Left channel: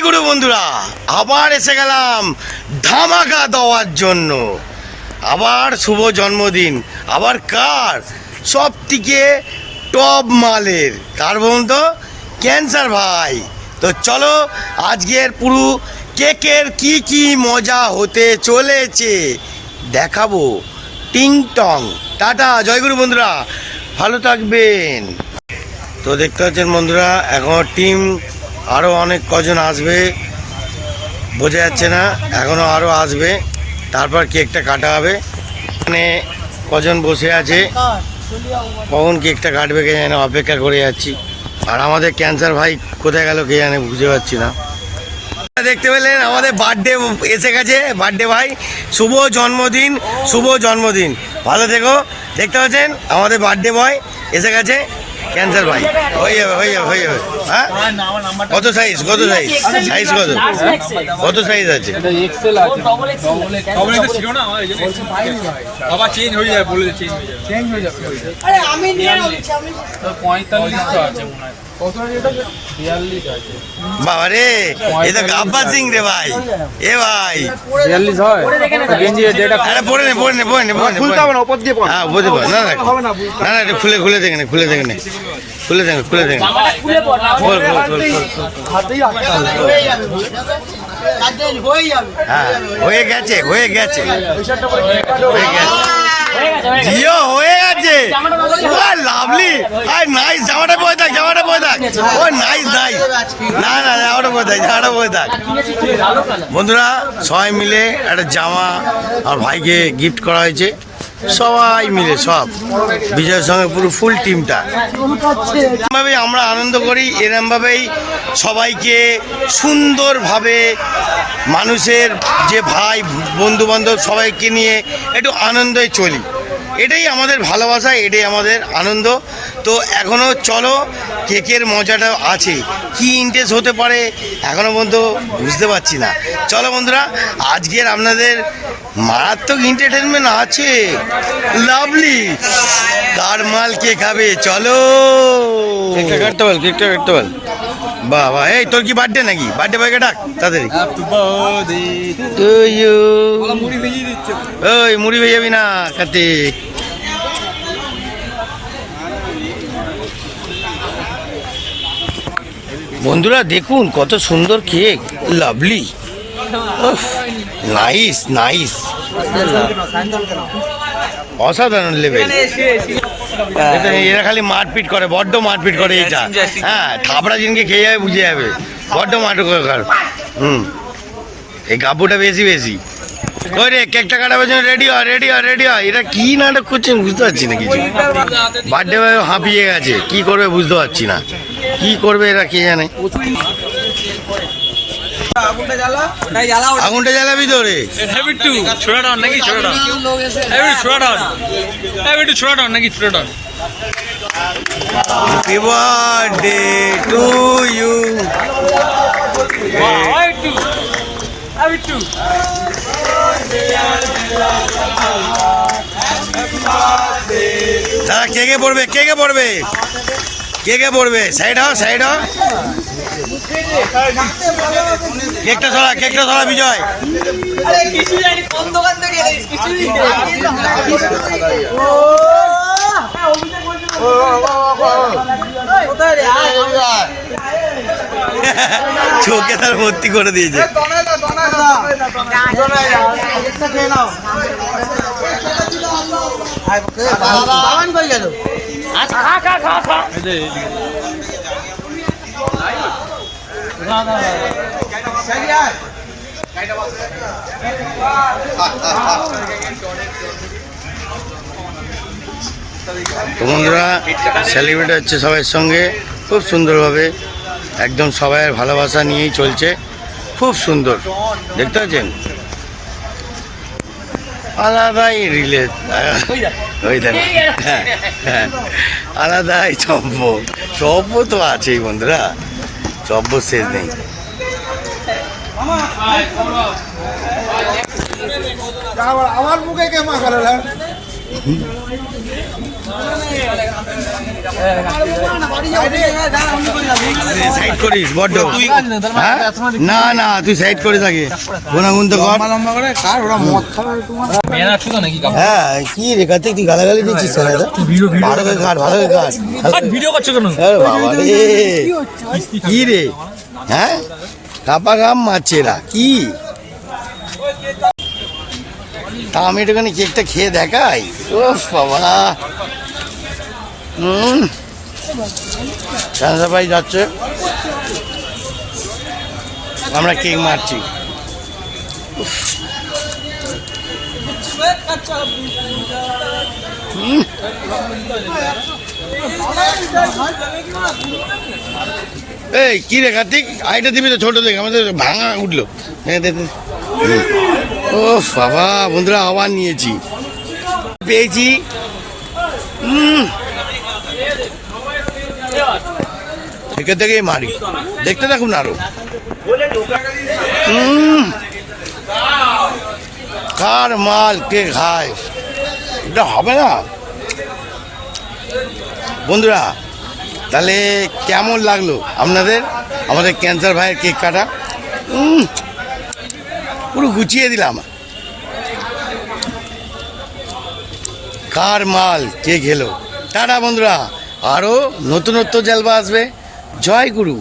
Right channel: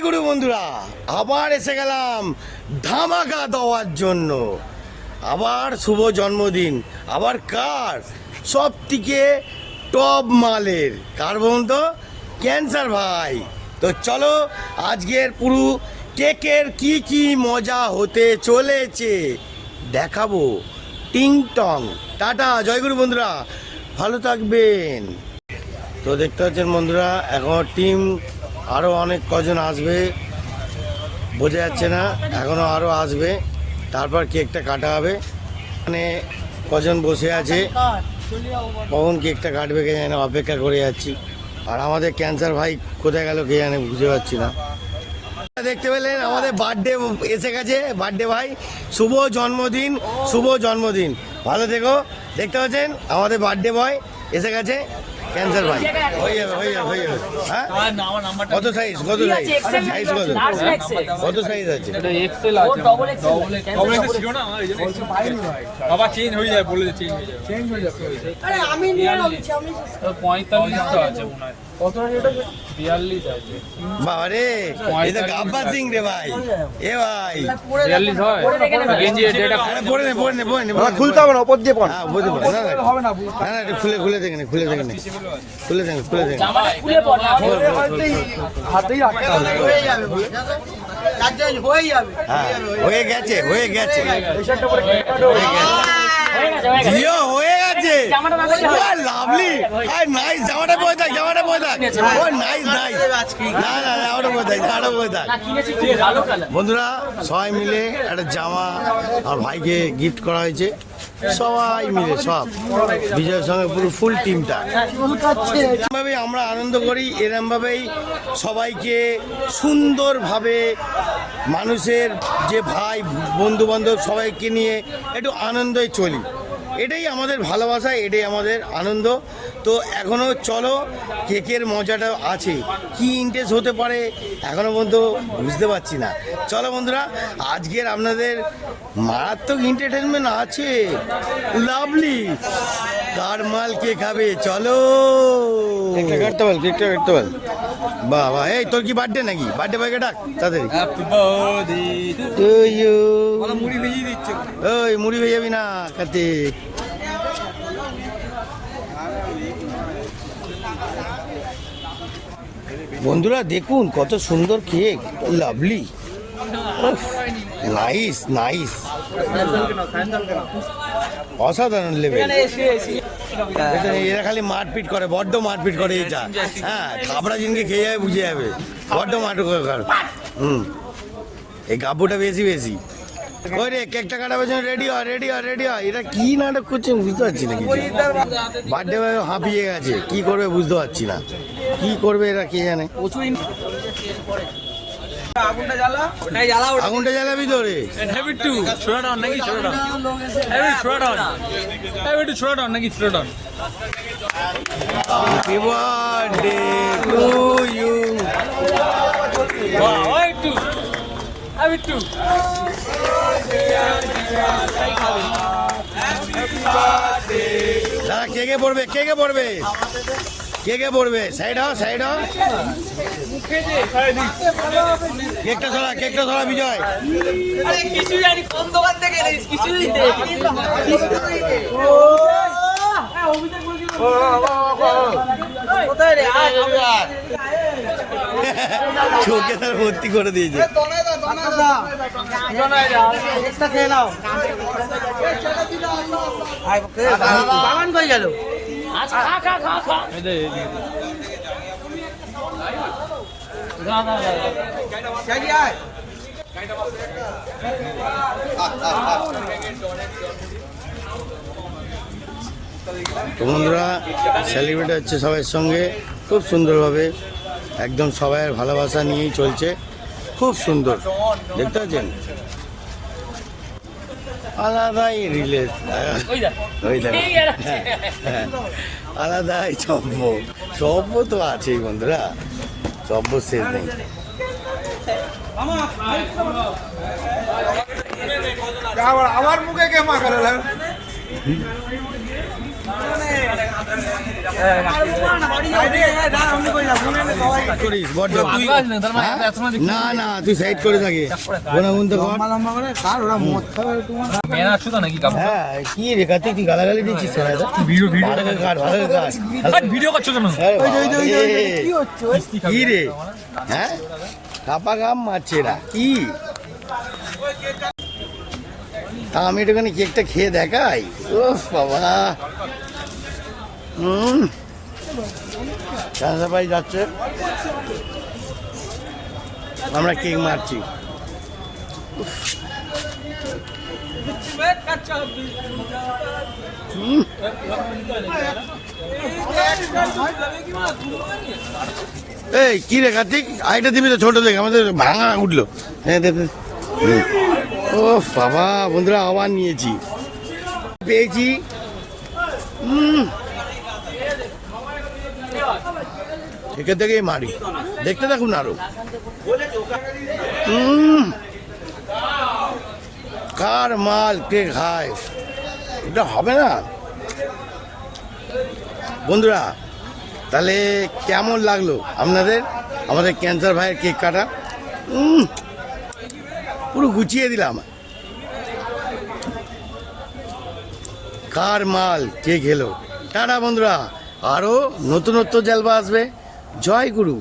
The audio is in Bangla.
জয় গুরু বন্ধুরা, আবার এসে গেলাম ধামাকা দেওয়ার জন্য। আবার শুভ জন্মদিন, আবার কার? সব থেকে টপ মালের কার বলুন তো? ক্যান্সার ভাই। তো চলো আজকের পুরো কেকের কি কি মজা হতে চলেছে দেখাবো। টিং টং, টাটা, জয়গুরু বন্ধুরা, ভালো থাকবেন। তো দেখতে পাচ্ছেন বন্ধুরা, এখন টিম আরও অনেক কজন আসবে, বোঝা যাচ্ছে না, এখনও আরও আসবে, তারপর কেকটা কাটা হবে। এখানে কজন বসে আছে, কখন কেকটা কাটবে কে জানে, অপেক্ষা করে যাচ্ছি। আর আমাদের ক্যান্সার ভাই কোথায় গেল কে জানে, বুঝতে পারছি না। দেখতে পেলেন আমাদের বার্থডে এসে গেছে, বার্থডে ভাই, শুভ জন্মদিন, শুভ জন্মদিন, ভালো থেকো। দেখতে পাচ্ছেন আমাদের বার্থডে বয় এসে গেছে, ক্যান্সার ভাই। হয়ে যাবে, হয়ে যাবে, হয়ে যাবে। হ্যাঁ, কত সাইজ, কত সাইজ, সাইজ কত, কত সাইজ আছে? বাবা রে, এ তো গাব্বা সিং রে ভাই, এ ভাই 42 হয় গেঞ্জি ডেটা আরে পড়ে নে, পড়ে নে, পড়ে নে, পড়ে নে, খুলতে হবে না, উপর দিয়ে পড়। হ্যাঁ বুঝতে পার, না না না না, খুলে খুলে দেখেন, খুলে দেখেন, খুলে দেখেন, খুলে দেখেন, খোল খোল খোল খোল। হ্যাঁ, হয়ে গেছে, হয়ে গেছে, হয়ে গেছে, জিও হয়ে গেছে। ও লাভলি, আই নাইস, জামাটা পরে থাক, জামাটা পরে থাক, ও নাইস নাইস, না না জামাটা পরে থাক, জামাটা পরে থাক। বন্ধুরা সবাই মিলে একটা জামা আর ভাইকে গিফট করা হয়েছে, সবাই মিলে, সব বিজয়ের সঙ্গে পুরো ফুল টিমটা। এরমভাবেই আমরা আনন্দ করি, এরমভাবেই সবাইকে সুন্দরভাবে মানুষের যে ভাই বন্ধু বান্ধব সবাইকে নিয়ে একটু আনন্দে চলি, এটাই আমাদের ভালোবাসা, এটাই আমাদের আনন্দ। তো এখনও চলো, কেকের মজাটা আছে, কি ইন্টারেস্ট হতে পারে এখনও পর্যন্ত বুঝতে পারছি না। চলো বন্ধুরা, আজকের আপনাদের মারাত্মক এন্টারটেনমেন্ট আছে, লাভলি। কার মাল কে খাবে, চলো। কেকটা কাটতে বল, কেকটা কাটতে বল। বাবা, এই তোর কি বার্থডে নাকি? বার্থডে বয়কে ডাক তাড়াতাড়ি। ওই মুড়ি ভেজে যাবি না কার্তিক। বন্ধুরা দেখুন কত সুন্দর কেক, লাভলি, নাইস নাইস, অসাধারণ লেভেল। এরা খালি মারপিট করে, বড্ড মারপিট করে এটা। হ্যাঁ, থাপড়া জিনকে খেয়ে যাবে, বুঝে যাবে, বড্ড মারপিট করে। এই গাব্বুটা বেশি বেশি। ওই রে, কেকটা কাটাবার জন্য রেডি হয়, রেডি হয়, রেডি হয়। এটা কি নাটক করছেন বুঝতে পারছি না কিছু। বার্থডে হাঁপিয়ে গেছে, কি করবে বুঝতে পারছি না, কি করবে এরা কে জানে। আগুনটা জ্বালাবি তো রে। Happy birthday to you. দাদা কে কে পড়বে, কে কে পড়বে, কে কে পড়বে? সাইড হও, সাইড হও। কেকটা ছড়া, কেকটা ছড়া বিজয়। চোখে তার ভর্তি করে দিয়েছে। বন্ধুরা সেলিব্রেট হচ্ছে সবার সঙ্গে খুব সুন্দরভাবে, একদম সবাইয়ের ভালোবাসা নিয়েই চলছে, খুব সুন্দর দেখতে পাচ্ছেন। আলাদাই রিলেট, ওই দেখেন, হ্যাঁ হ্যাঁ, আলাদাই চব্য, চব্য তো আছেই বন্ধুরা, চব্য শেষ নেই। আমার মুখে কে মা সাইড করিস বড্ড হ্যাঁ? না না তুই সাইড করে থাকে গুনাগুন তো কর হ্যাঁ কি রে কার্তিক তুই গালাগালি দিচ্ছিস ভালো করে কাট ভালো করে কাট ভিডিও করছো কেন? আরে বাবা রে, কি রে হ্যাঁ কাপা গাম মারছে এরা কি তা আমি একটুখানি কেকটা খেয়ে দেখাই ও বাবা ভাই যাচ্ছে আমরা কেক মারছি উফ। হুম। এই কি রে কার্তিক আইটা দিবি তো ছোট দেখে আমাদের ভাঙা উঠলো হ্যাঁ ও বাবা বন্ধুরা আবার নিয়েছি পেয়েছি থেকে থেকেই মারি দেখতে থাকুন আরো কার মাল কে খায় এটা হবে না বন্ধুরা তাহলে কেমন লাগলো আপনাদের আমাদের ক্যান্সার ভাইয়ের কেক কাটা পুরো গুছিয়ে দিলাম কার মাল কে খেলো টাটা বন্ধুরা আরও নতুনত্ব জলবা আসবে জয় গুরু